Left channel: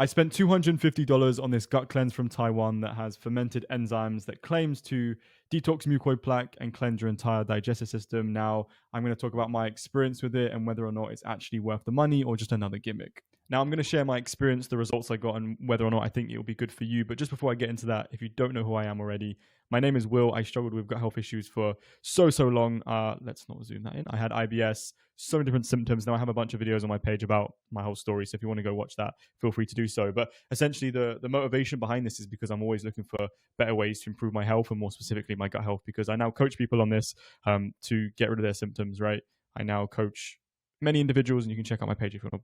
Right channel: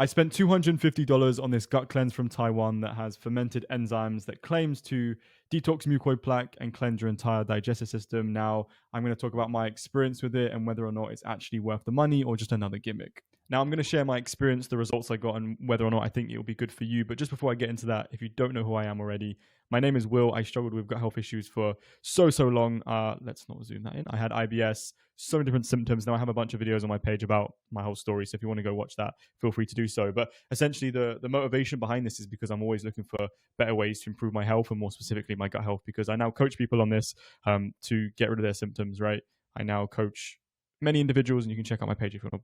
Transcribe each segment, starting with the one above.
I spent $250 on this gut cleanse from Taiwan that has fermented enzymes that claims to detox mucoid plaque and cleanse your entire digestive system. Now, I'm going to talk about my experience with it and whether or not it's actually worth the money or just another gimmick. Now, I'm going to share my experience, the results I got, and whether or not I think it will be good for you. But just before I get into that, if you don't know who I am already, my name is Will. I struggled with gut health issues for so long. Let's not zoom that in. I had IBS, so many different symptoms. Now I have a bunch of videos on my page about my whole story. So if you want to go watch that, feel free to do so. But essentially, the motivation behind this is because I'm always looking for better ways to improve my health and more specifically my gut health, because I now coach people on this to get rid of their symptoms, right? I now coach many individuals, and you can check out my page if you want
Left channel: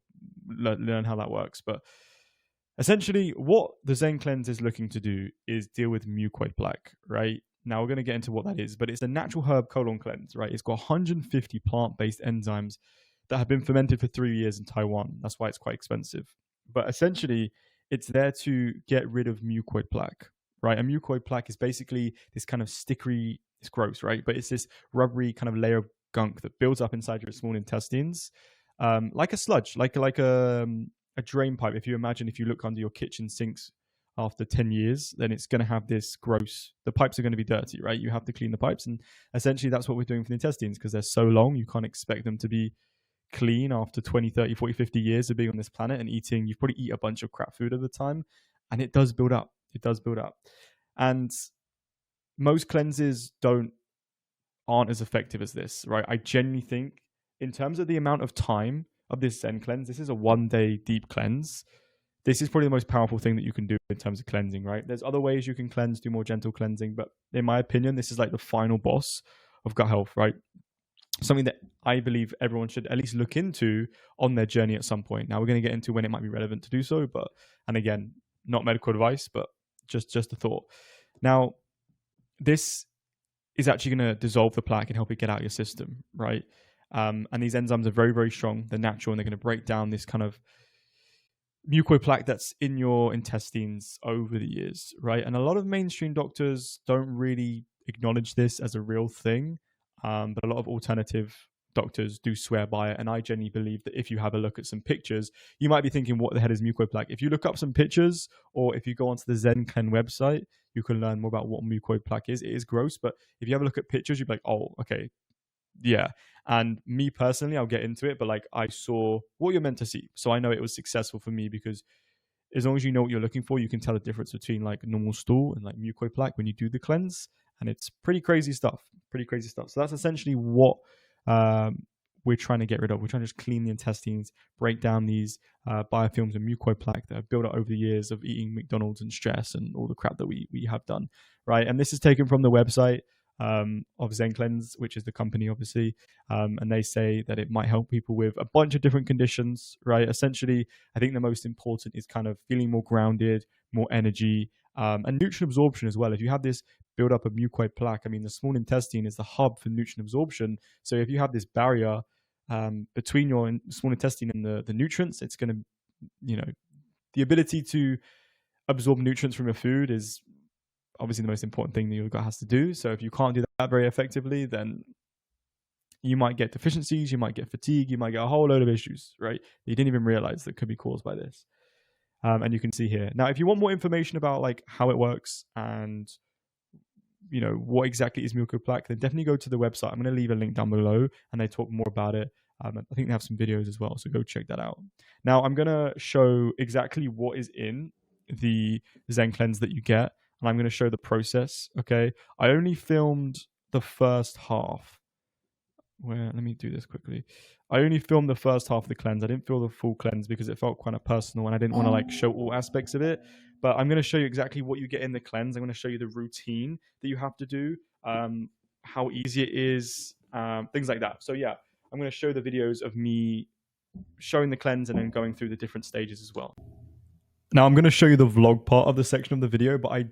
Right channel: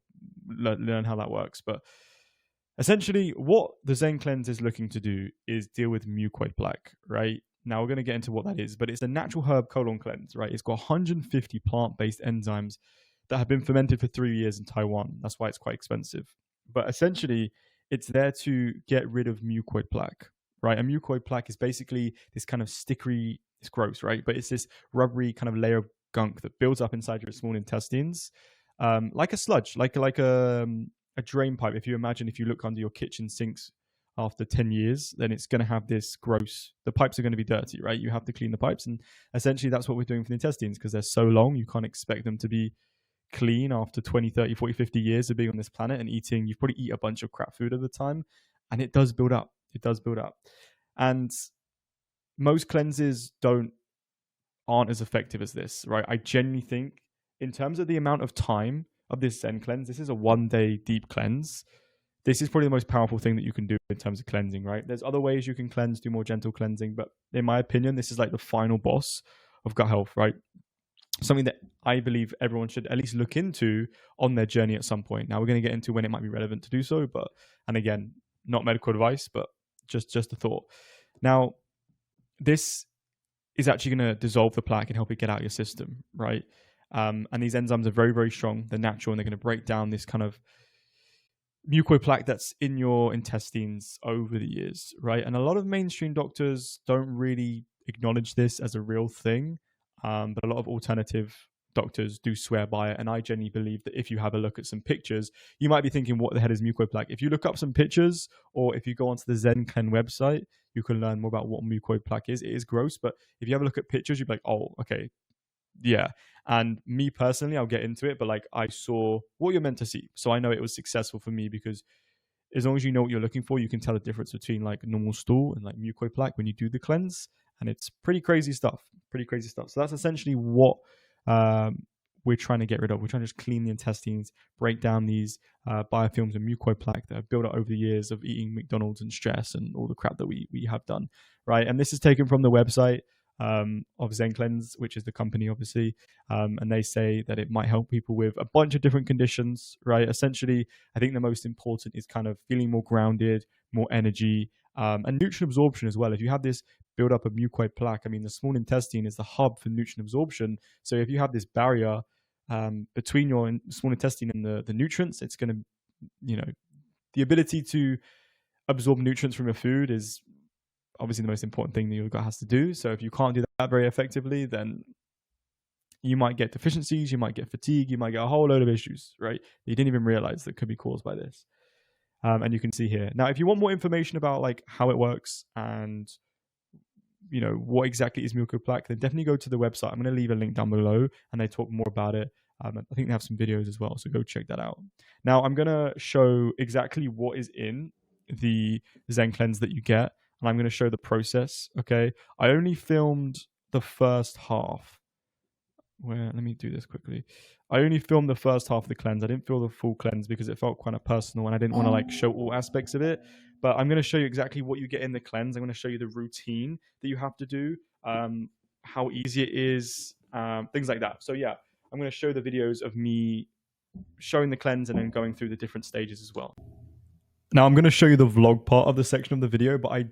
to learn how that works. But essentially, what the Zencleanse is looking to do is deal with mucoid plaque, right? Now we're going to get into what that is, but it's a natural herb colon cleanse, right? It's got 150 plant-based enzymes that have been fermented for 3 years in Taiwan. That's why it's quite expensive. But essentially, it's there to get rid of mucoid plaque, right? And mucoid plaque is basically this kind of stickery, it's gross, right? But it's this rubbery kind of layer of gunk that builds up inside your small intestines, like a sludge, like a drain pipe. If you imagine, if you look under your kitchen sinks after 10 years, then it's going to have this gross, the pipes are going to be dirty, right? You have to clean the pipes. And essentially that's what we're doing for the intestines, because they're so long, you can't expect them to be clean after 20, 30, 40, 50 years of being on this planet and eating. You probably eat a bunch of crap food at the time, and it does build up. It does build up. And most cleanses aren't as effective as this, right? I genuinely think in terms of the amount of time of this Zencleanse, this is a 1-day deep cleanse. This is probably the most powerful thing that you can do in terms of cleansing, right? There's other ways you can cleanse, do more gentle cleansing, but in my opinion, this is like the final boss of gut health, right? Something that I believe everyone should at least look into on their journey at some point. Now we're going to get into when it might be relevant to do so, but, and again, not medical advice, but just a thought. Now, this is actually going to dissolve the plaque and help it get out of your system, right? And these enzymes are very, very strong. They're natural, and they're going to break down this kind of mucoid plaque that's in your intestines over the years, right? And a lot of mainstream doctors don't really acknowledge this as a real thing, but a lot of alternative doctors do swear by it. And I genuinely believe that if you have a look at some pictures, you might be thinking, what the hell is mucoid plaque? If you look up some pictures, or if you go onto the Zencleanse website, you can learn more about what mucoid plaque is. It is gross, but if you have a look at pictures, you'd be like, oh, okay, yeah. And me personally, I'll get into it, but like I saw what you're meant to see. So I know it was successful for me, because as long as you know what you're looking for, you can tell the difference between like normal stool and like mucoid plaque when you do the cleanse. And it's pretty crazy stuff. So that's essentially what we're trying to get rid of. We're trying to just clean the intestines, break down these biofilms and mucoid plaque that have built up over the years of eating McDonald's and stress and all the crap that we have done, right? And this is taken from the website of Zencleanse, which is the company, obviously, and they say that it might help people with a bunch of different conditions, right? Essentially, I think the most important is kind of feeling more grounded, more energy, and nutrient absorption as well. If you have this build up of mucoid plaque, I mean, the small intestine is the hub for nutrient absorption. So if you have this barrier between your small intestine and the nutrients, it's going to, the ability to absorb nutrients from your food is obviously the most important thing that your gut has to do. So if you can't do that very effectively, then you might get deficiencies, you might get fatigue, you might get a whole load of issues, right? That you didn't even realize that could be caused by this. And you can see here. Now, if you want more information about like how it works and what exactly is mucoid plaque, then definitely go to the website. I'm going to leave a link down below, and they talk more about it. I think they have some videos as well, so go check that out. Now, I'm going to show exactly what is in the Zencleanse that you get, and I'm going to show the process, okay? I only filmed the first half. Let me do this quickly. I only filmed the first half of the cleanse. I didn't film the full cleanse because it felt kind of personal, and I didn't want to like show all aspects of it. But I'm going to show you exactly what you get in the cleanse. I'm going to show you the routine that you have to do, how easy it is, things like that. So yeah, I'm going to show the videos of me showing the cleanse and then going through the different stages as well. Now I'm going to show you the vlog part of the section of the video, but I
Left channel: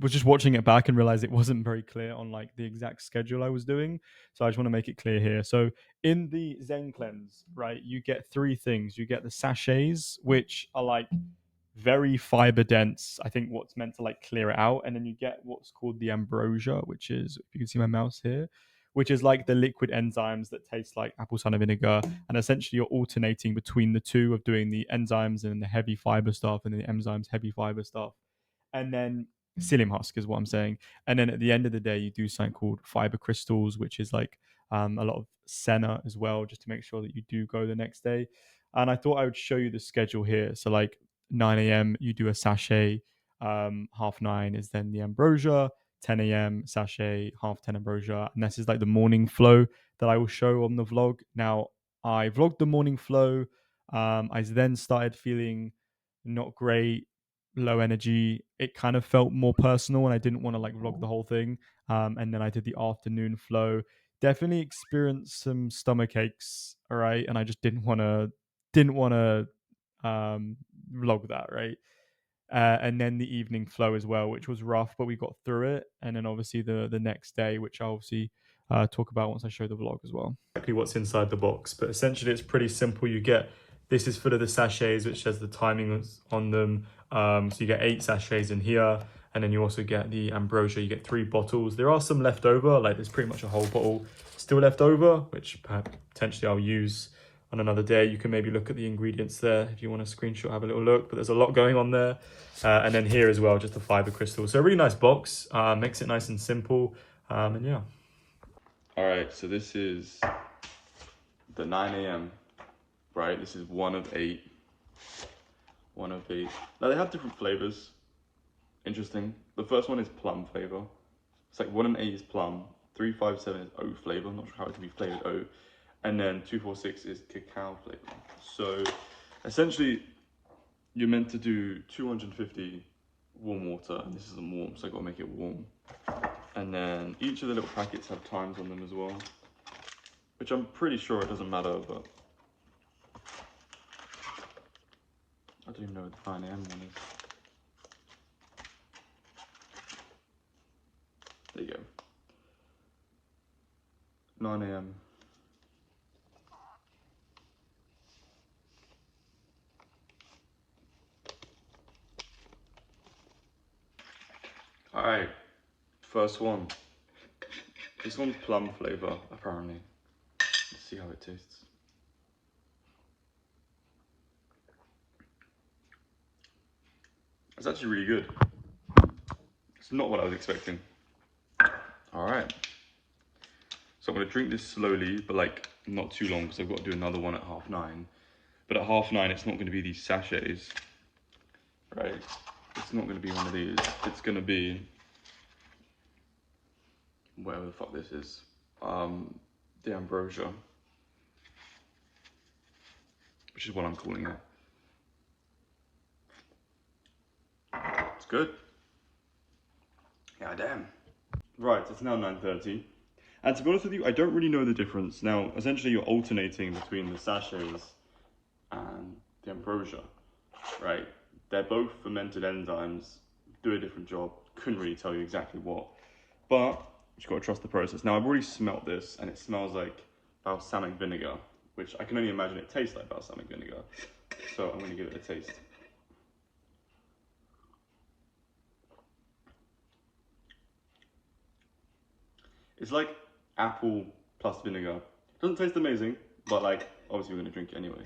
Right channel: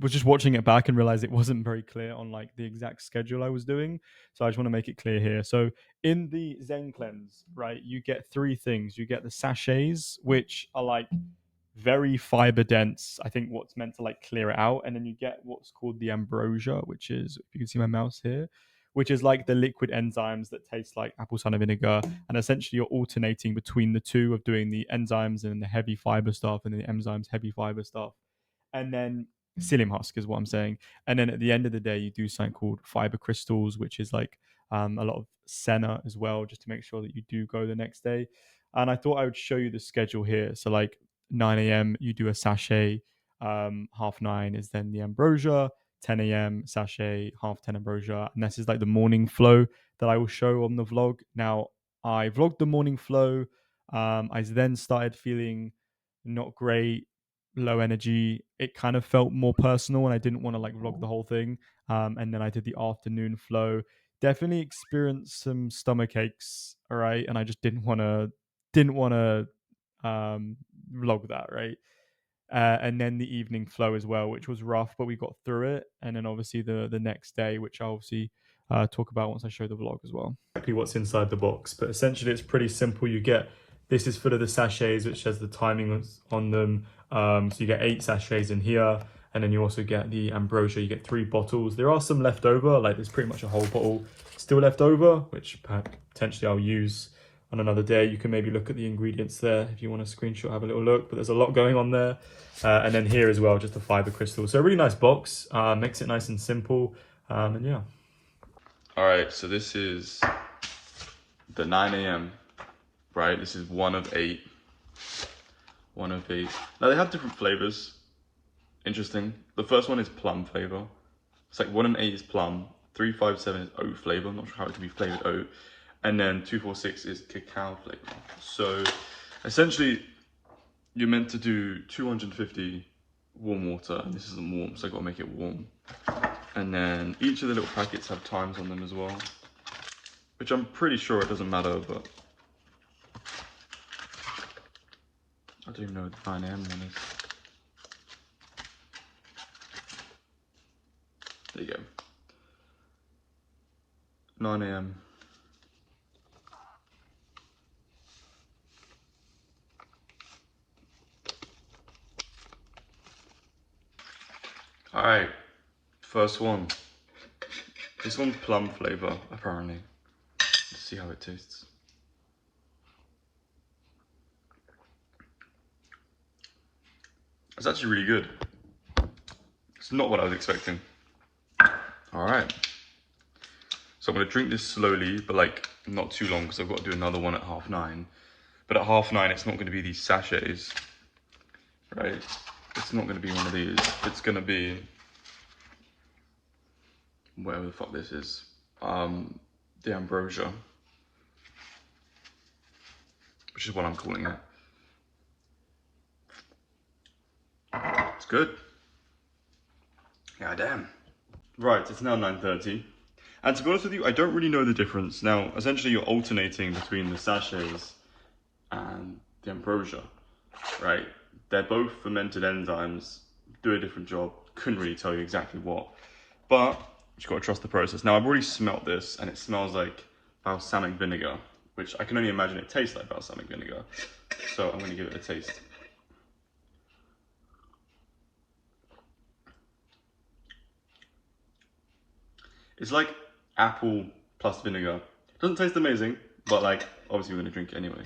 was just watching it back and realized it wasn't very clear on like the exact schedule I was doing. So I just want to make it clear here. So in the Zencleanse, right, you get 3 things. You get the sachets, which are like very fiber dense. I think what's meant to like clear it out. And then you get what's called the ambrosia, which is, if you can see my mouse here, which is like the liquid enzymes that taste like apple cider vinegar. And essentially, you're alternating between the two of doing the enzymes and the heavy fiber stuff, and the enzymes, heavy fiber stuff. And then psyllium husk is what I'm saying. And then at the end of the day, you do something called fiber crystals, which is like a lot of senna as well, just to make sure that you do go the next day. And I thought I would show you the schedule here. So like 9 a.m. you do a sachet, 9:30 is then the ambrosia, 10 a.m. sachet, 10:30 ambrosia, and this is like the morning flow that I will show on the vlog. Now I vlogged the morning flow. I then started feeling not great, low energy. It kind of felt more personal, and I didn't want to like vlog the whole thing. And then I did the afternoon flow. Definitely experienced some stomach aches. All right, and I just didn't want to vlog that, right? And then the evening flow as well, which was rough, but we got through it. And then obviously the next day, which I'll obviously talk about once I show the vlog as well. Exactly what's inside the box, but essentially it's pretty simple. You get, this is full of the sachets, which has the timing on them. So you get 8 sachets in here, and then you also get the ambrosia. You get 3 bottles. There are some left over, like there's pretty much a whole bottle still left over, which potentially I'll use on another day. You can maybe look at the ingredients there if you want to screenshot, have a little look, but there's a lot going on there. And then here as well, just the fiber crystal. So a really nice box, makes it nice and simple, and yeah. All right, so this is the 9 a.m., right? This is one of 8. Now they have different flavors. Interesting. The first one is plum flavor. It's like 1 and 8 is plum, 357 is oat flavor. I'm not sure how it can be flavored oat. And then 246 is cacao flavor. So essentially, you're meant to do 250 warm water, and this isn't warm, so I gotta make it warm. And then each of the little packets have times on them as well, which I'm pretty sure it doesn't matter, but I don't even know what the 9 a.m. one is. There you go. 9 a.m. Alright, first one. This one's plum flavor, apparently. Let's see how it tastes. It's actually really good. It's not what I was expecting. Alright. So I'm going to drink this slowly, but like not too long, because I've got to do another one at 9:30. But at 9:30, it's not going to be these sachets, right? It's not going to be one of these. It's going to be whatever the fuck this is. The ambrosia, which is what I'm calling it. It's good. Yeah, damn. Right, it's now 9:30. And to be honest with you, I don't really know the difference. Now, essentially you're alternating between the sachets and the ambrosia, right? They're both fermented enzymes, do a different job. Couldn't really tell you exactly what, but you've got to trust the process. Now, I've already smelt this, and it smells like balsamic vinegar, which I can only imagine it tastes like balsamic vinegar. So I'm going to give it a taste. It's like apple plus vinegar. Doesn't taste amazing, but like, obviously we're going to drink it anyway.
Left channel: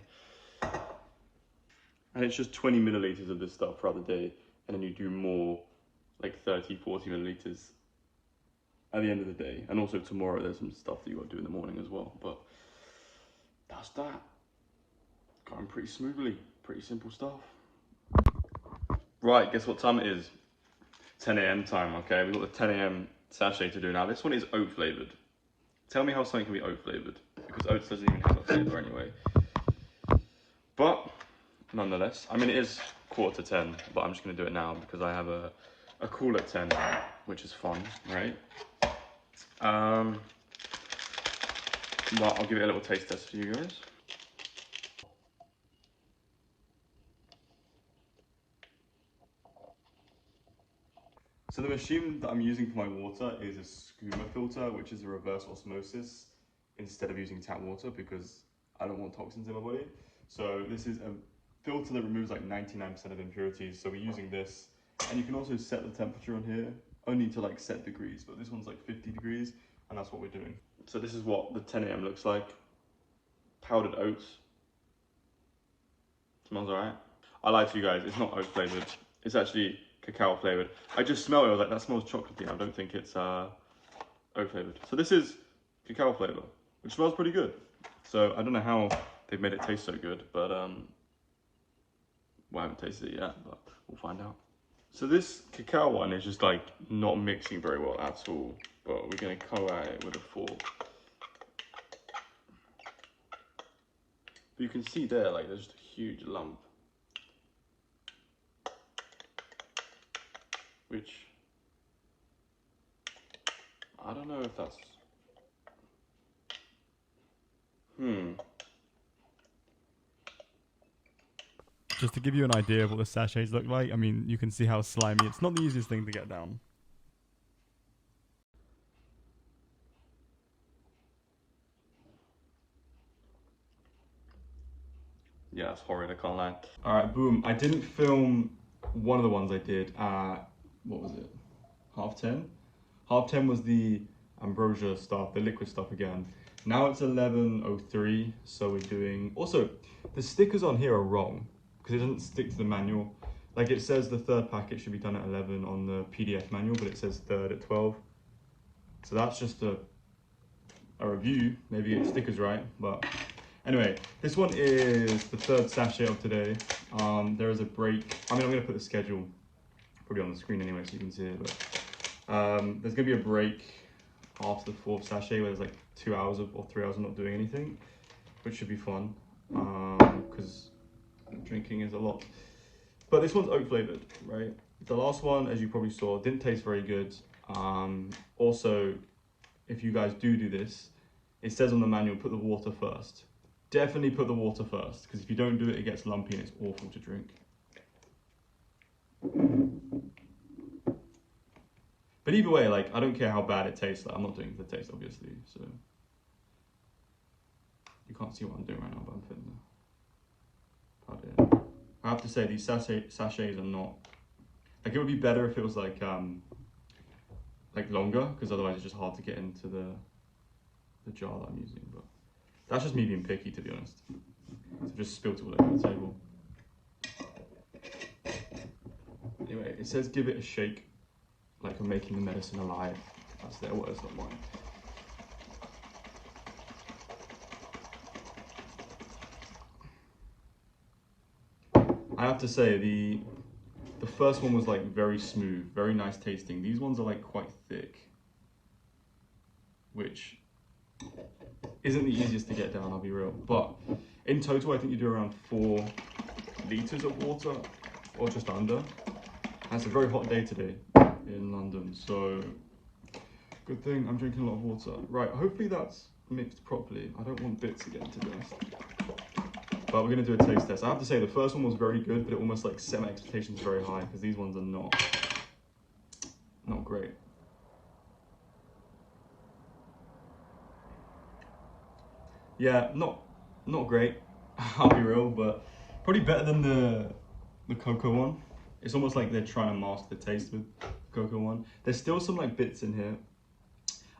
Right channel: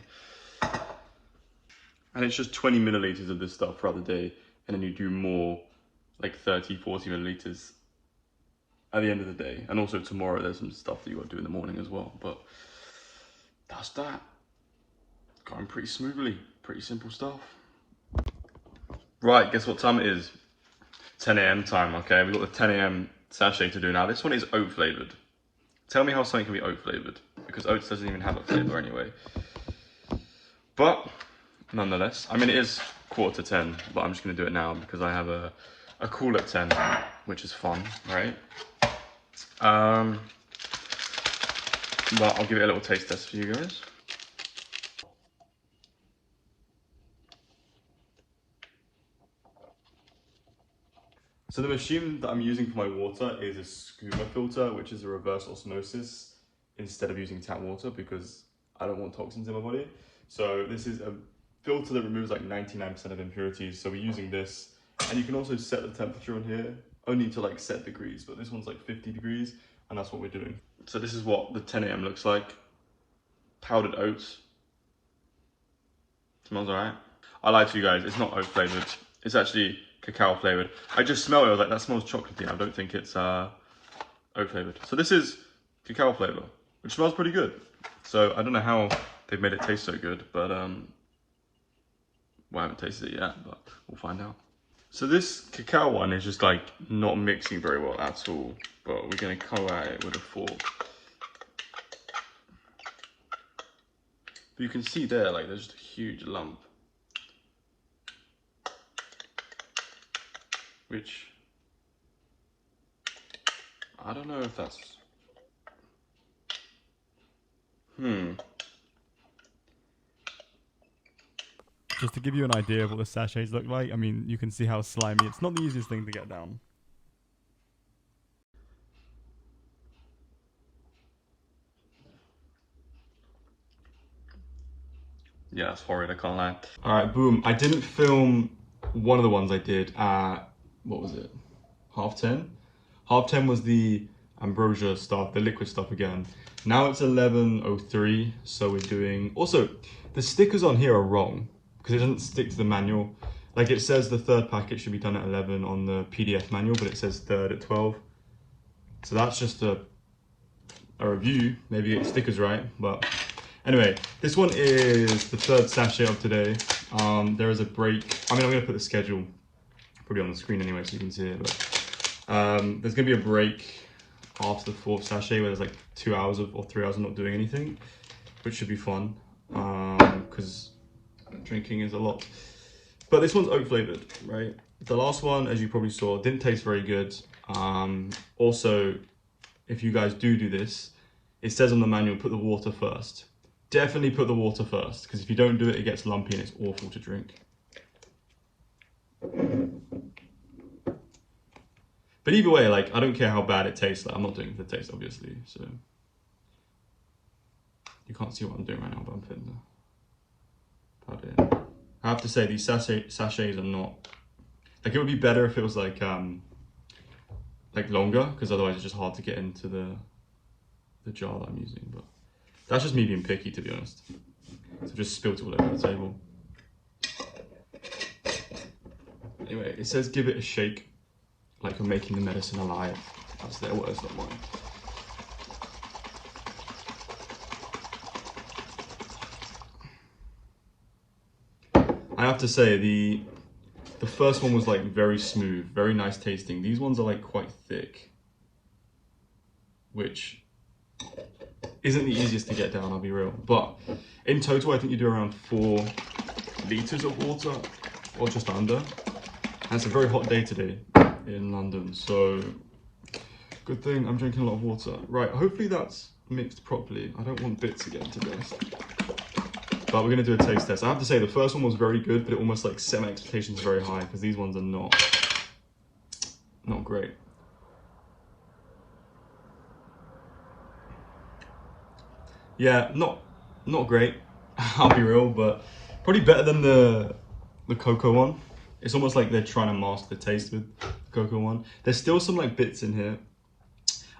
And it's just 20 milliliters of this stuff throughout the day, and then you do more, like 30, 40 milliliters at the end of the day. And also tomorrow there's some stuff that you got to do in the morning as well, but that's that. Going pretty smoothly, pretty simple stuff. Right, guess what time it is? 10 a.m. time, okay? We've got the 10 a.m. sachet to do now. This one is oat flavored. Tell me how something can be oat flavored, because oats doesn't even have a flavor anyway. But nonetheless, I mean, it is 9:45, but I'm just going to do it now because I have a call at 10, which is fun, right? But I'll give it a little taste test for you guys. So the machine that I'm using for my water is a scuba filter, which is a reverse osmosis instead of using tap water, because I don't want toxins in my body. So this is a filter that removes like 99% of impurities. So we're using this, and you can also set the temperature on here, only to like set degrees, but this one's like 50 degrees, and that's what we're doing. So this is what the 10 a.m. looks like. Powdered oats. Smells alright. I lied to you guys, it's not oat flavoured. It's actually cacao flavoured. I just smelled it, I was like, that smells chocolatey. I don't think it's oat flavoured. So this is cacao flavour, which smells pretty good. So I don't know how they've made it taste so good, but well, I haven't tasted it yet, but we'll find out. So this cacao one is just like not mixing very well at all, but we're gonna come at it with a fork. But you can see there, like there's just a huge lump. Which, I don't know if that's, Just to give you an idea of what the sachets look like, I mean, you can see how slimy. It's not the easiest thing to get down. Yeah, that's horrid, I can't lie. Alright, boom. I didn't film one of the ones I did at, what was it? 10:30? 10:30 was the ambrosia stuff, the liquid stuff again. Now it's 11:03, so we're doing... Also, the stickers on here are wrong, because it doesn't stick to the manual. Like it says the third packet should be done at 11 on the PDF manual, but it says third at 12. So that's just a review. Maybe the sticker's right, but... Anyway, this one is the third sachet of today. There is a break. I mean, I'm going to put the schedule probably on the screen anyway so you can see it. But there's going to be a break after the fourth sachet where there's like 2 hours or 3 hours of not doing anything, which should be fun because drinking is a lot. But this one's oat flavored, right? The last one, as you probably saw, didn't taste very good. Also, if you guys do this, it says on the manual, put the water first. Definitely put the water first, because if you don't do it, it gets lumpy and it's awful to drink. But either way, like, I don't care how bad it tastes. Like, I'm not doing it for the taste, obviously, so... You can't see what I'm doing right now, but I'm fitting the... I have to say, these sachets are not... Like, it would be better if it was, like longer, because otherwise it's just hard to get into the jar that I'm using, but... That's just me being picky, to be honest. So just spilt it all over the table. Anyway, it says give it a shake, like you're making the medicine alive. That's their words, not mine. I have to say, the first one was like very smooth, very nice tasting. These ones are like quite thick, which isn't the easiest to get down, I'll be real. But in total, I think you do around 4 litres of water, or just under. And it's a very hot day today in London, so good thing I'm drinking a lot of water. Right, hopefully that's mixed properly. I don't want bits again, to be honest. But we're gonna do a taste test. I have to say, the first one was very good, but it almost like set my expectations very high, because these ones are not great. Yeah, not great, I'll be real, but probably better than the cocoa one. It's almost like they're trying to mask the taste with the cocoa one. There's still some like bits in here.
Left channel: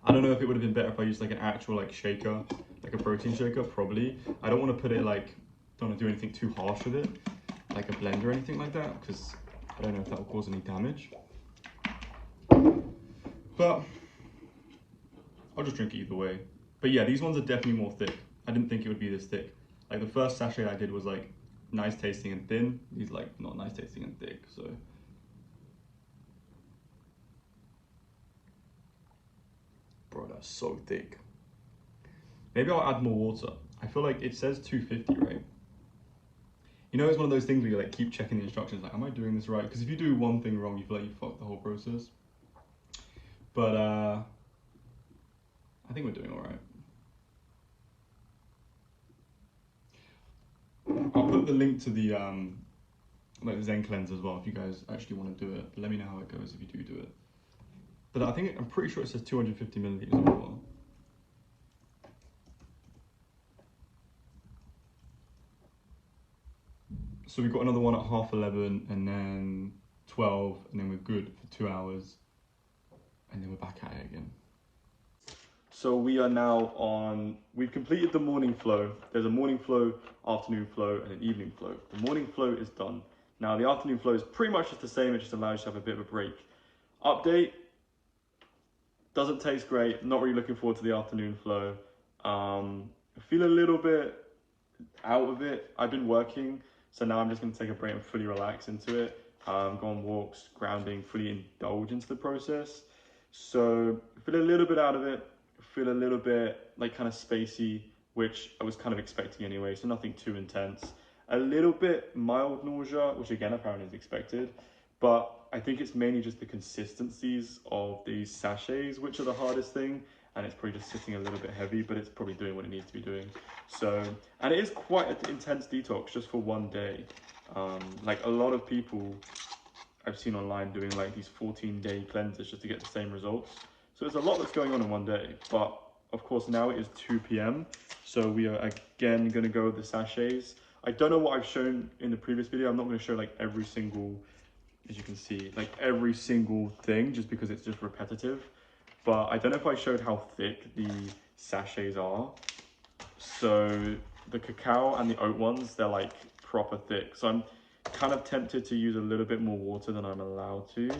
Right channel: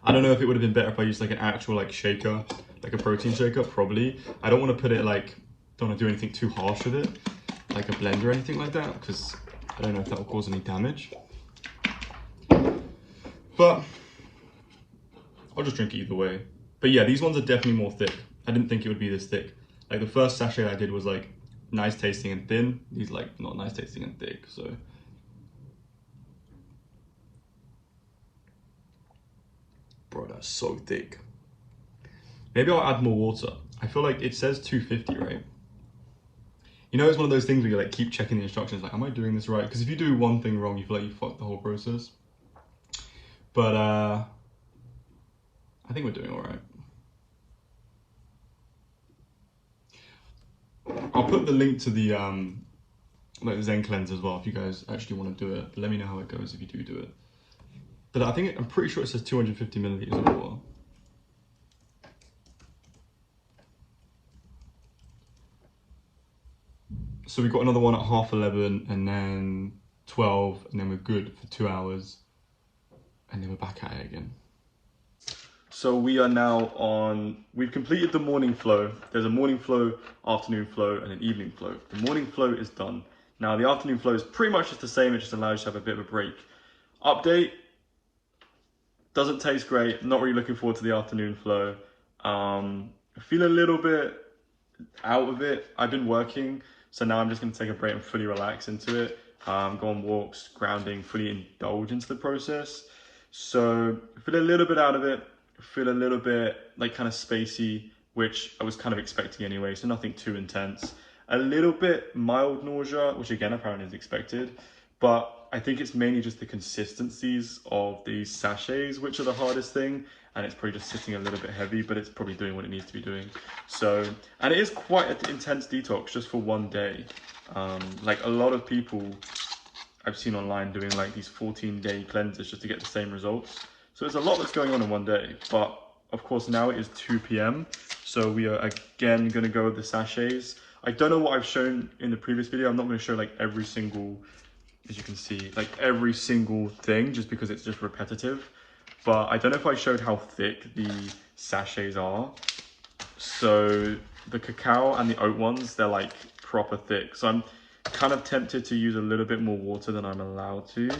I don't know if it would have been better if I used like an actual like shaker, like a protein shaker, probably. I don't want to put it like, don't want to do anything too harsh with it, like a blender or anything like that, because I don't know if that will cause any damage. But I'll just drink it either way. But yeah, these ones are definitely more thick. I didn't think it would be this thick. Like the first sachet I did was like nice tasting and thin. These like not nice tasting and thick, so. Bro, that's so thick. Maybe I'll add more water. I feel like it says 250, right? You know, it's one of those things where you like keep checking the instructions, like, am I doing this right? Because if you do one thing wrong, you feel like you fucked the whole process. But I think we're doing all right. I'll put the link to the like Zencleanse as well if you guys actually want to do it. Let me know how it goes if you do it. But I'm pretty sure it says 250 milliliters of water. So we've got another one at 11:30 and then 12, and then we're good for 2 hours, and then we're back at it again. So we are now on, we've completed the morning flow. There's a morning flow, afternoon flow, and an evening flow. The morning flow is done. Now the afternoon flow is pretty much just the same, it just allows you to have a bit of a break. Update, doesn't taste great, not really looking forward to the afternoon flow. I feel a little bit out of it. I've been working, so now I'm just gonna take a break and fully relax into it. Go on walks, grounding, fully indulge into the process. So I feel a little bit out of it, feel a little bit like kind of spacey, which I was kind of expecting anyway, so nothing too intense. A little bit mild nausea, which again apparently is expected, but I think it's mainly just the consistencies of these sachets which are the hardest thing, and it's probably just sitting a little bit heavy, but it's probably doing what it needs to be doing. So, and it is quite an intense detox just for one day. Like a lot of people I've seen online doing like these 14-day cleanses just to get the same results. So there's a lot that's going on in one day, but of course now it is 2 p.m. So we are again gonna go with the sachets. I don't know what I've shown in the previous video. I'm not gonna show like every single, as you can see, like every single thing just because it's just repetitive. But I don't know if I showed how thick the sachets are. So the cacao and the oat ones, they're like proper thick. So I'm kind of tempted to use a little bit more water than I'm allowed to.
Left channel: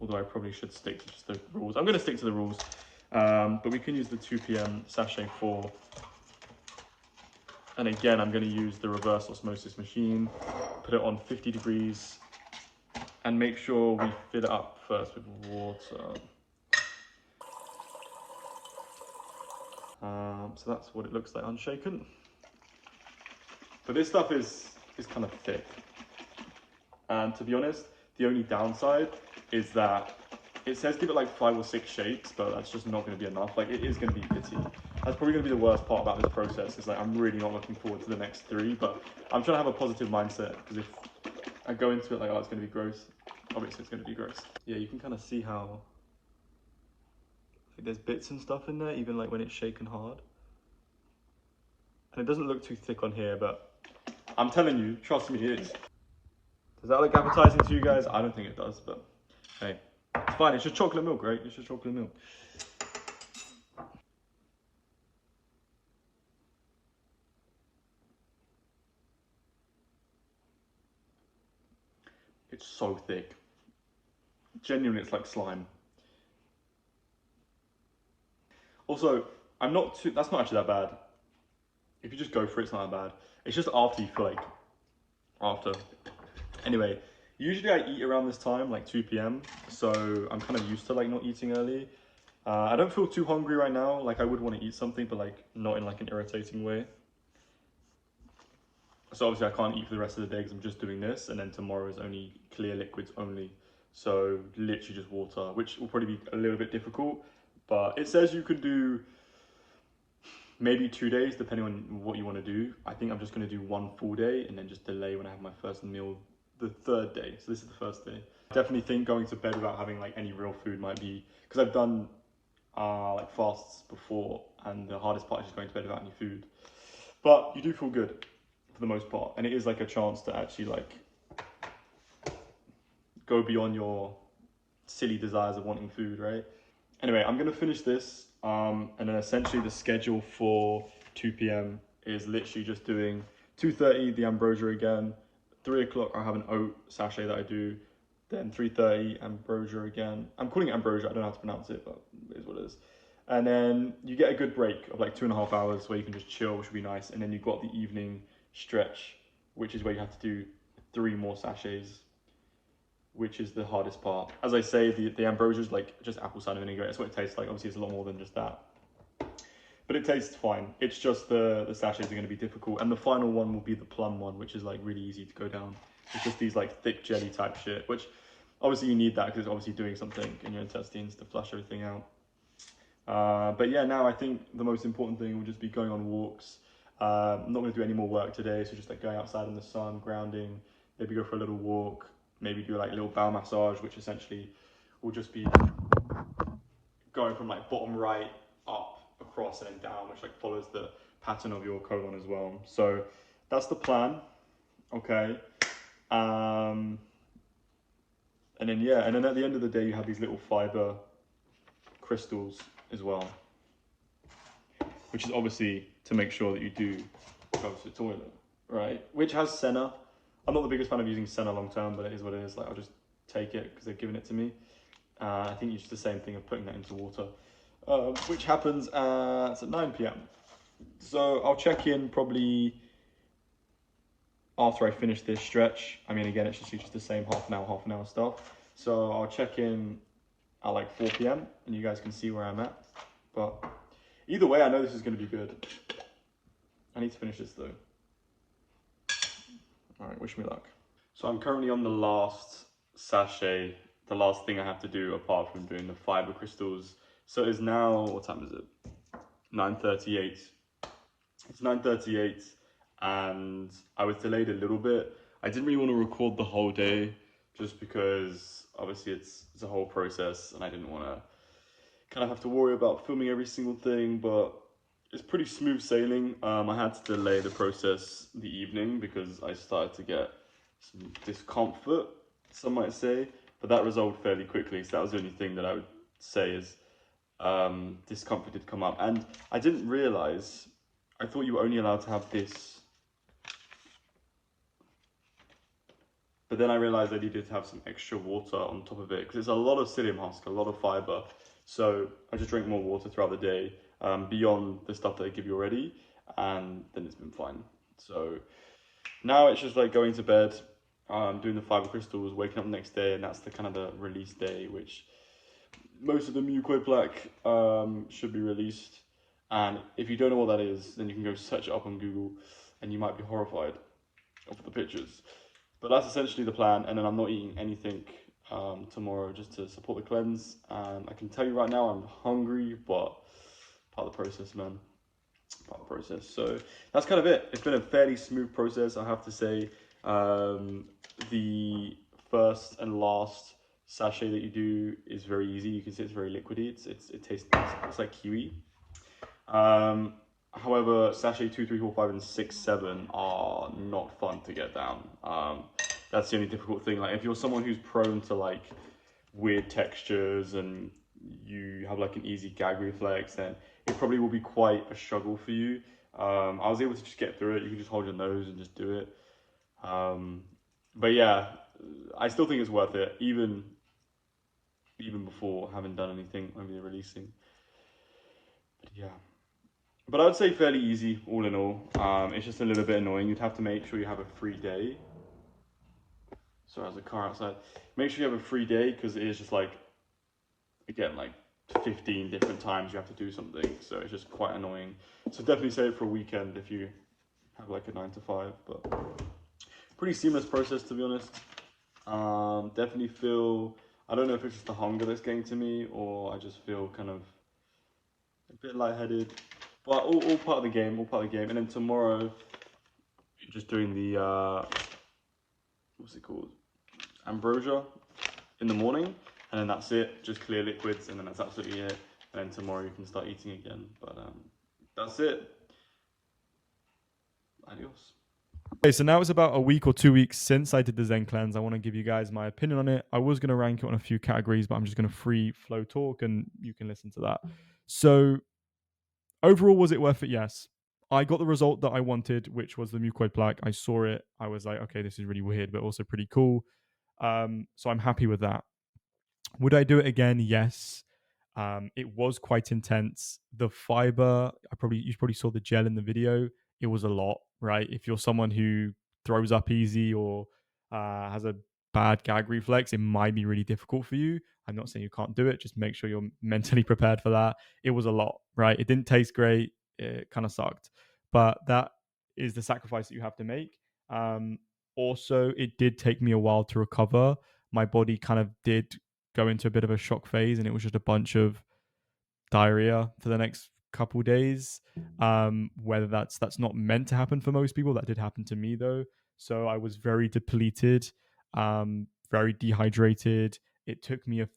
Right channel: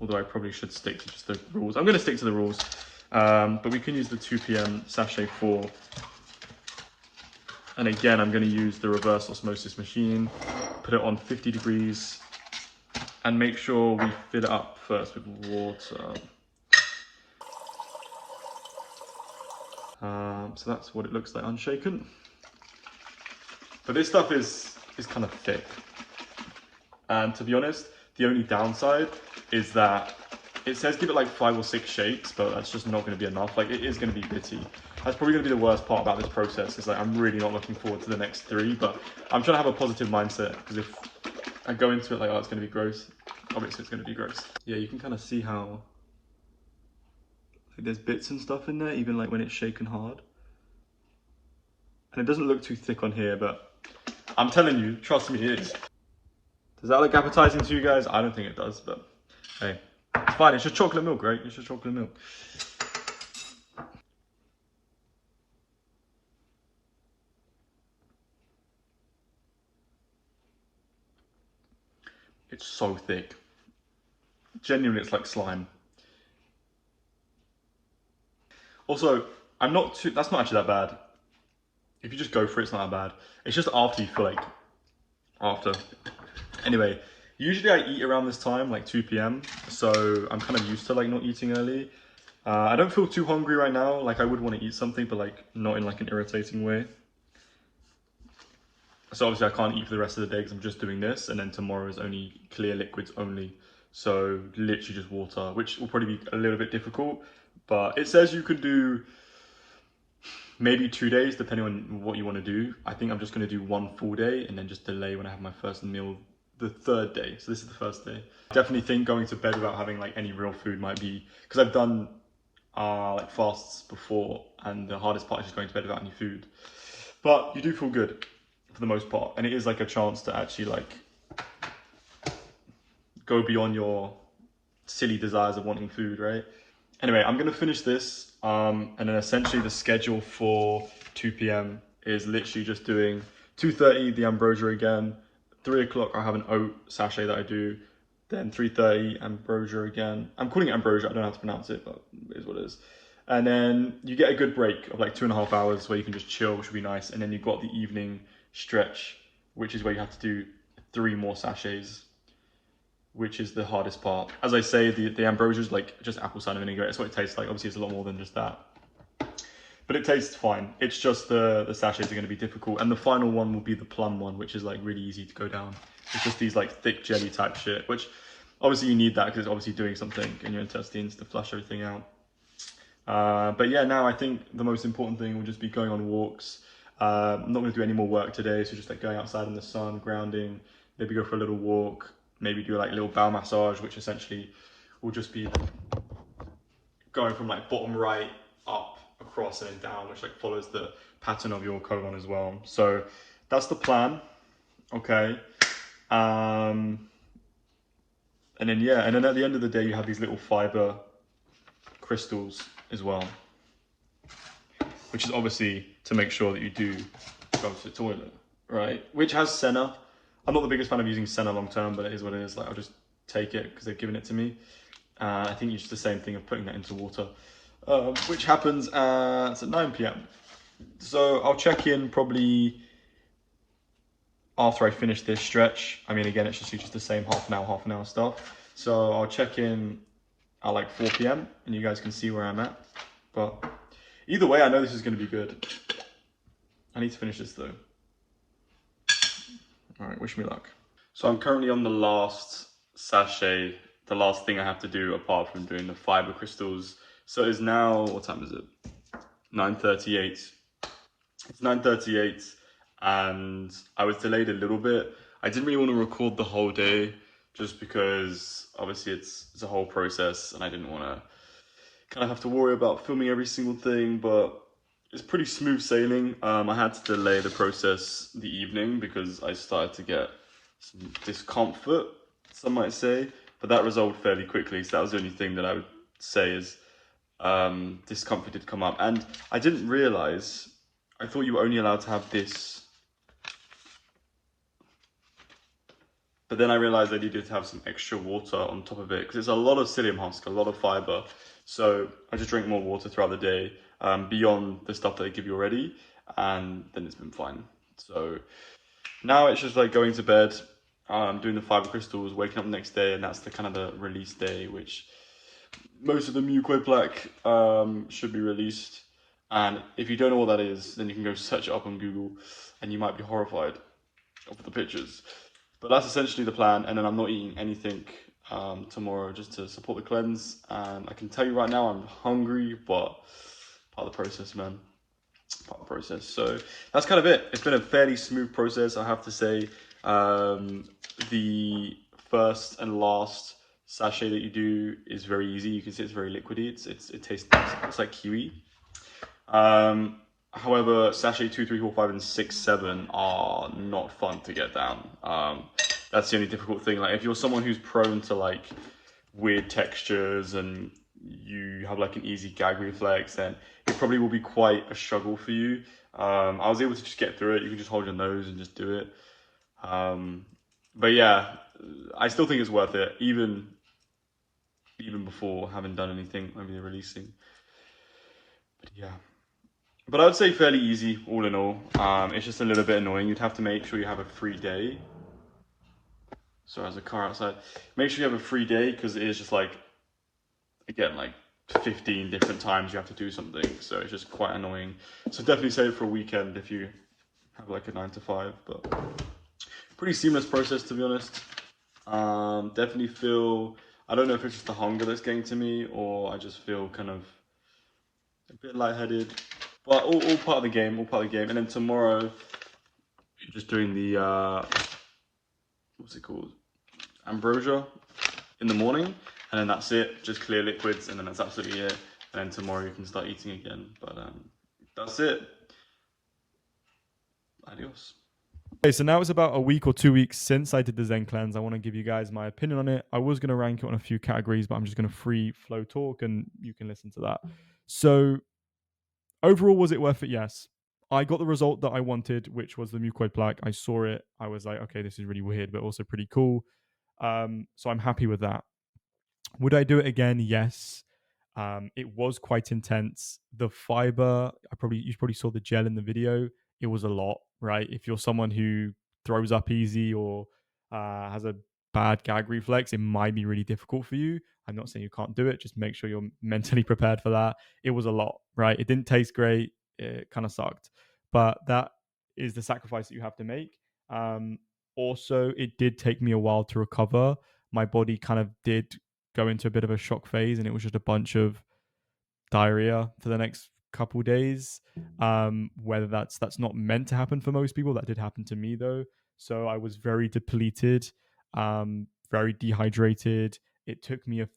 Although I probably should stick to just the rules. I'm going to stick to the rules. But we can use the 2 p.m. sachet 4. And again, I'm going to use the reverse osmosis machine. Put it on 50 degrees. And make sure we fill it up first with water. So that's what it looks like unshaken. But this stuff is kind of thick. And to be honest, the only downside is that it says give it like 5 or 6 shakes, but that's just not going to be enough. Like it is going to be bitty. That's probably going to be the worst part about this process. Is like I'm really not looking forward to the next 3, but I'm trying to have a positive mindset because if I go into it like, oh, it's going to be gross, obviously it's going to be gross. Yeah, you can kind of see how like, there's bits and stuff in there, even like when it's shaken hard. And it doesn't look too thick on here, but I'm telling you, trust me, it is. Does that look appetizing to you guys? I don't think it does, but hey, it's fine. It's just chocolate milk, right? It's just chocolate milk. It's so thick. Genuinely, it's like slime. Also, that's not actually that bad. If you just go for it, it's not that bad. It's just after you feel like, after. Anyway, usually I eat around this time, like 2 p.m. So I'm kind of used to like not eating early. I don't feel too hungry right now. Like I would want to eat something, but like not in like an irritating way. So obviously I can't eat for the rest of the day because I'm just doing this, and then tomorrow is only clear liquids only. So literally just water, which will probably be a little bit difficult. But it says you could do maybe 2 days depending on what you want to do. I think I'm just going to do 1 full day and then just delay when I have my first meal the 3rd day. So this is the 1st day. I definitely think going to bed without having like any real food might be, because I've done like fasts before, and the hardest part is just going to bed without any food. But you do feel good for the most part, and it is like a chance to actually like go beyond your silly desires of wanting food, right? Anyway, I'm gonna finish this, and then essentially the schedule for 2 p.m. is literally just doing 2:30 the ambrosia again, 3 o'clock I have an oat sachet that I do, then 3:30 ambrosia again. I'm calling it ambrosia, I don't know how to pronounce it, but it is what it is. And then you get a good break of like 2.5 hours where you can just chill, which would be nice. And then you've got the evening stretch, which is where you have to do 3 more sachets, which is the hardest part. As I say, the ambrosia is like just apple cider vinegar. It's what it tastes like. Obviously, it's a lot more than just that. But it tastes fine. It's just the sachets are going to be difficult. And the final one will be the plum one, which is like really easy to go down. It's just these like thick jelly type shit, which obviously you need that because it's obviously doing something in your intestines to flush everything out. But yeah, now I think the most important thing will just be going on walks. I'm not going to do any more work today, so just like going outside in the sun, grounding, maybe go for a little walk, maybe do like a little bowel massage, which essentially will just be going from like bottom right up, across and then down, which like follows the pattern of your colon as well. So that's the plan. Okay. And then yeah, and then at the end of the day you have these little fiber crystals as well. which is obviously to make sure that you do go to the toilet, right? Which has senna. I'm not the biggest fan of using senna long term, but it is what it is. Like, I'll just take it because they've given it to me. I think it's just the same thing of putting that into water, which happens at 9 p.m. So I'll check in probably after I finish this stretch. I mean, again, it's just the same half an hour stuff. So I'll check in at like 4 p.m. and you guys can see where I'm at. But either way, I know this is going to be good. I need to finish this though. All right, wish me luck. So I'm currently on the last sachet, the last thing I have to do apart from doing the fiber crystals. So it's now, what time is it? 9:38. It's 9:38 and I was delayed a little bit. I didn't really want to record the whole day just because obviously it's a whole process and I didn't want to kind of have to worry about filming every single thing, but it's pretty smooth sailing. I had to delay the process the evening because I started to get some discomfort, some might say, but that resolved fairly quickly. So that was the only thing that I would say is discomfort did come up. And I didn't realize, I thought you were only allowed to have this, but then I realized I needed to have some extra water on top of it because it's a lot of psyllium husk, a lot of fiber. So I just drink more water throughout the day, beyond the stuff that they give you already, and then it's been fine. So now it's just like going to bed, doing the fiber crystals, waking up the next day, and that's the kind of the release day, which most of the mucoid plaque should be released. And if you don't know what that is, then you can go search it up on Google, and you might be horrified of the pictures. But that's essentially the plan, and then I'm not eating anything tomorrow just to support the cleanse. And I can tell you right now, I'm hungry, but part of the process, man. Part of the process. So that's kind of it. It's been a fairly smooth process, I have to say. The first and last sachet that you do is very easy. You can see it's very liquidy. It tastes it's like kiwi. However, sachet 2, 3, 4, 5, and 6, 7 are not fun to get down. That's the only difficult thing. Like, if you're someone who's prone to like weird textures and you have like an easy gag reflex, then it probably will be quite a struggle for you. I was able to just get through it. You can just hold your nose and just do it. But yeah, I still think it's worth it, even before having done anything, maybe releasing. But yeah. But I would say fairly easy, all in all. It's just a little bit annoying. You'd have to make sure you have a free day. So there's a car outside. Make sure you have a free day, because it is just like, again, like 15 different times you have to do something. So it's just quite annoying. So definitely save it for a weekend if you have like a 9 to 5. But pretty seamless process, to be honest. Definitely feel, I don't know if it's just the hunger that's getting to me, or I just feel kind of a bit lightheaded. But all part of the game, all part of the game. And then tomorrow, just doing the, what's it called? Ambrosia in the morning. And then that's it, just clear liquids, and then that's absolutely it. And then tomorrow you can start eating again. But that's it. Adios. Okay, so now it's about a week or 2 weeks since I did the Zencleanse. I want to give you guys my opinion on it. I was going to rank it on a few categories, but I'm just going to free flow talk and you can listen to that. So overall, was it worth it? Yes. I got the result that I wanted, which was the mucoid plaque. I saw it. I was like, okay, this is really weird, but also pretty cool. So I'm happy with that. Would I do it again? Yes. It was quite intense. The fiber, you probably saw the gel in the video. It was a lot, right? If you're someone who throws up easy or has a bad gag reflex, it might be really difficult for you. I'm not saying you can't do it. Just make sure you're mentally prepared for that. It was a lot, right? It didn't taste great. It kind of sucked, but that is the sacrifice that you have to make. Also, it did take me a while to recover. My body kind of did go into a bit of a shock phase, and it was just a bunch of diarrhea for the next couple days. Whether that's not meant to happen for most people, that did happen to me though. So I was very depleted, very dehydrated. It took me a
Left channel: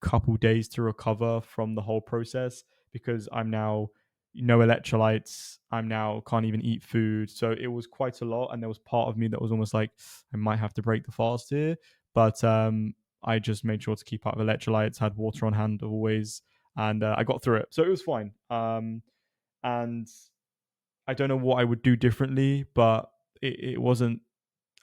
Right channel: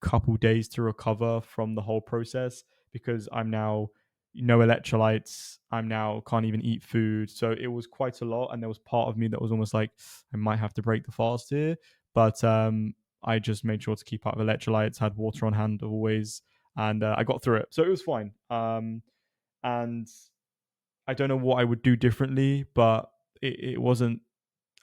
couple days to recover from the whole process because I'm now no electrolytes. I'm now can't even eat food. So it was quite a lot, and there was part of me that was almost like I might have to break the fast here. But I just made sure to keep up with electrolytes, had water on hand always, and I got through it. So it was fine. And I don't know what I would do differently, but it wasn't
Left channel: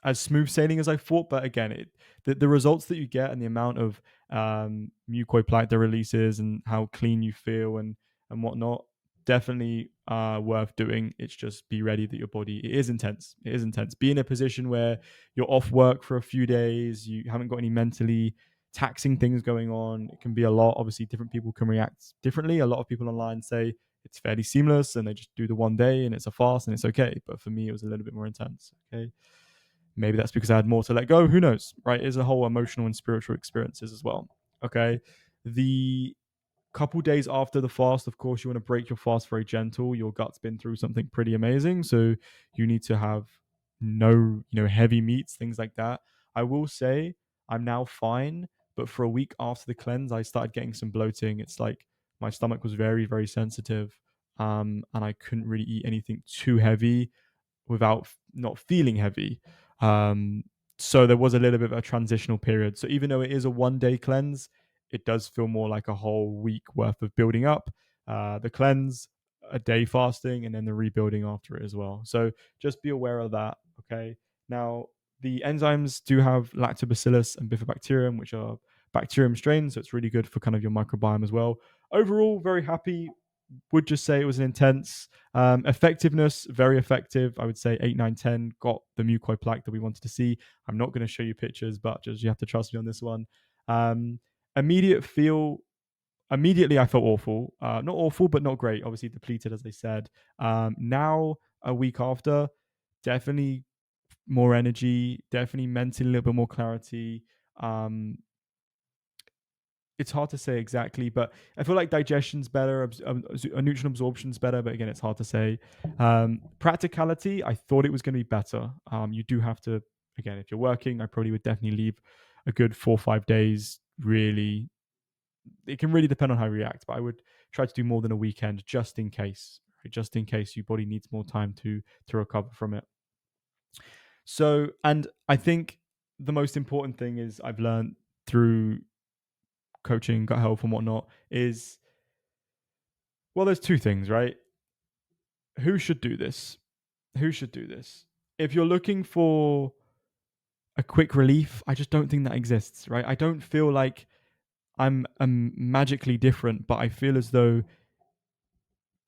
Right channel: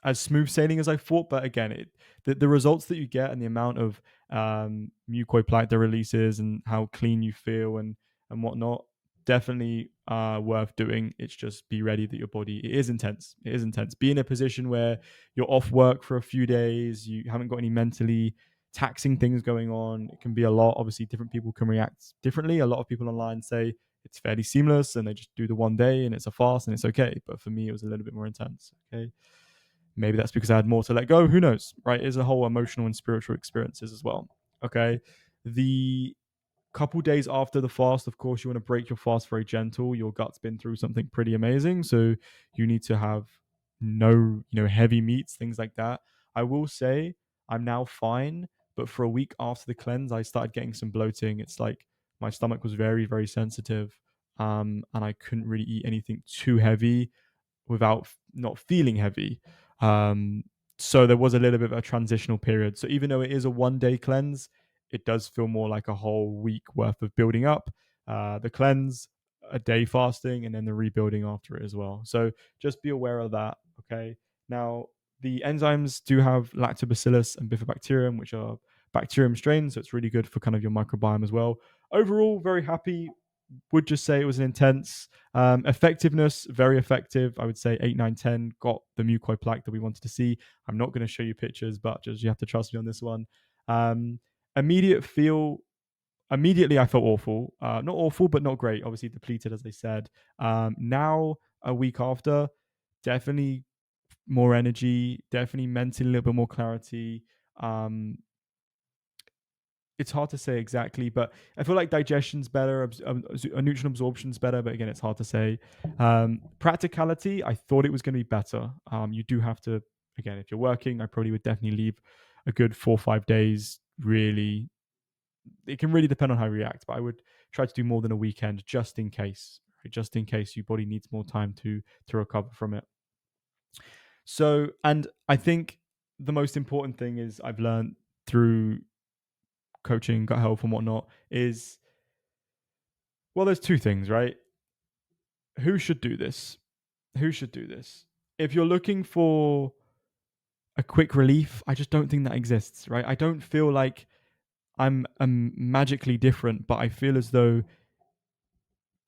as smooth sailing as I thought. But again, the results that you get and the amount of mucoid plaque that releases and how clean you feel and whatnot, definitely worth doing. It's just be ready that your body, it is intense. It is intense. Be in a position where you're off work for a few days, you haven't got any mentally taxing things going on. It can be a lot. Obviously, different people can react differently. A lot of people online say it's fairly seamless and they just do the one day and it's a fast and it's okay. But for me, it was a little bit more intense. Okay. Maybe that's because I had more to let go. Who knows? Right? It's a whole emotional and spiritual experiences as well. Okay. The couple days after the fast, of course, you want to break your fast very gentle. Your gut's been through something pretty amazing. So you need to have no, heavy meats, things like that. I will say I'm now fine, but for a week after the cleanse, I started getting some bloating. It's like my stomach was very, very sensitive. And I couldn't really eat anything too heavy without not feeling heavy. Um, so there was a little bit of a transitional period. So even though it is a 1 day cleanse, it does feel more like a whole week worth of building up. The cleanse, a day fasting, and then the rebuilding after it as well. So just be aware of that. Okay. Now, the enzymes do have lactobacillus and bifidobacterium, which are bacterium strains. So it's really good for kind of your microbiome as well. Overall, very happy. Would just say it was an intense effectiveness, very effective. I would say 8, 9, 10 got the mucoid plaque that we wanted to see. I'm not going to show you pictures, but just you have to trust me on this one. Um, immediate feel Immediately I felt awful. Not awful, but not great. Obviously depleted, as I said. Now, a week after, definitely more energy, definitely mentally a little bit more clarity. Um, it's hard to say exactly, but I feel like digestion's better, nutrient absorption's better, but again, it's hard to say. Practicality, I thought it was going to be better. You do have to, again, if you're working, I probably would definitely leave a good 4 or 5 days. Really, it can really depend on how you react, but I would try to do more than a weekend just in case, right? Just in case your body needs more time to recover from it. So, and I think the most important thing is I've learned through coaching, gut health, and whatnot is, well, there's two things, right? Who should do this? Who should do this? If you're looking for a quick relief, I just don't think that exists, right? I don't feel like I'm magically different, but I feel as though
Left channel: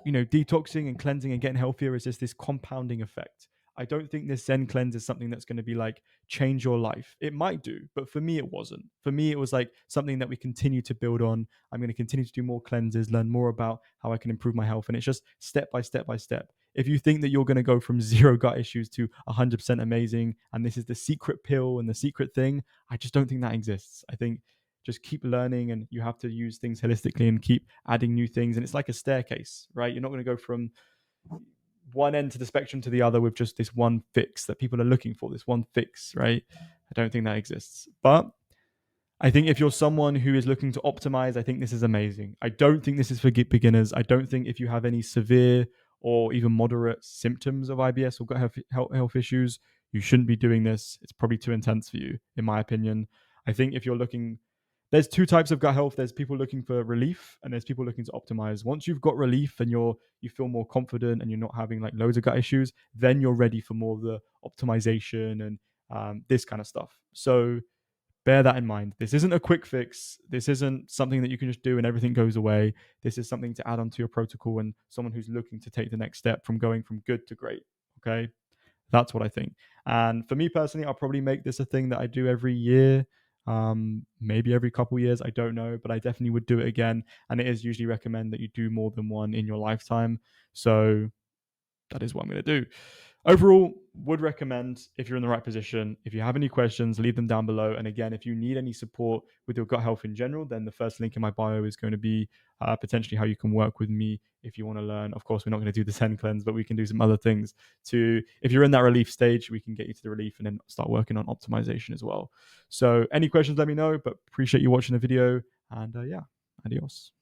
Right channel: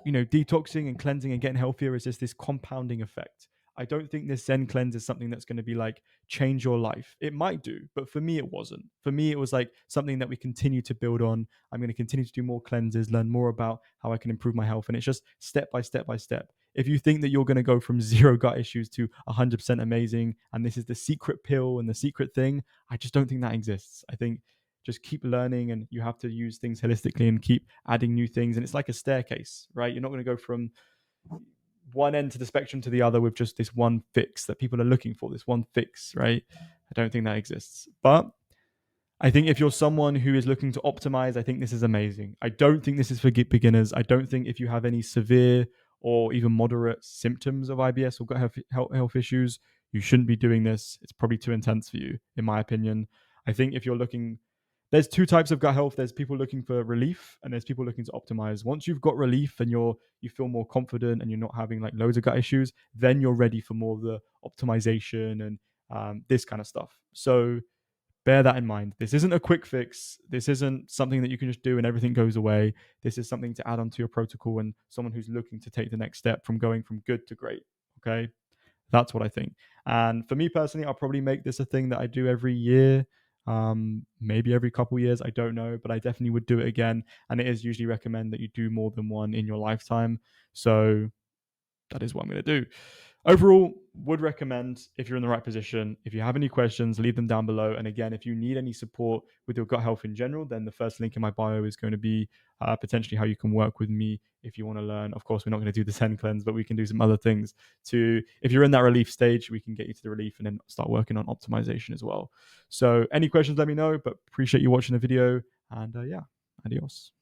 detoxing and cleansing and getting healthier is just this compounding effect. I don't think this Zencleanse is something that's going to be like change your life. It might do, but for me, it wasn't. For me, it was like something that we continue to build on. I'm going to continue to do more cleanses, learn more about how I can improve my health. And it's just step by step by step. If you think that you're going to go from zero gut issues to 100% amazing, and this is the secret pill and the secret thing, I just don't think that exists. I think just keep learning and you have to use things holistically and keep adding new things. And it's like a staircase, right? You're not going to go from one end to the spectrum to the other with just this one fix that people are looking for, this one fix, right? I don't think that exists. But I think if you're someone who is looking to optimize, I think this is amazing. I don't think this is for beginners. I don't think if you have any severe or even moderate symptoms of IBS or gut health issues, you shouldn't be doing this. It's probably too intense for you, in my opinion. I think if you're looking, there's two types of gut health. There's people looking for relief and there's people looking to optimize. Once you've got relief and you feel more confident and you're not having like loads of gut issues, then you're ready for more of the optimization and this kind of stuff. So bear that in mind. This isn't a quick fix. This isn't something that you can just do and everything goes away. This is something to add onto your protocol and someone who's looking to take the next step from going from good to great. Okay. That's what I think. And for me personally, I'll probably make this a thing that I do every year, maybe every couple years. I don't know, but I definitely would do it again. And it is usually recommend that you do more than one in your lifetime. So that is what I'm going to do. Overall, would recommend if you're in the right position. If you have any questions, leave them down below. And again, if you need any support with your gut health in general, then the first link in my bio is going to be potentially how you can work with me if you want to learn. Of course, we're not going to do the Zencleanse, but we can do some other things to, if you're in that relief stage, we can get you to the relief and then start working on optimization as well. So any questions, let me know, but appreciate you watching the video. And yeah, adios.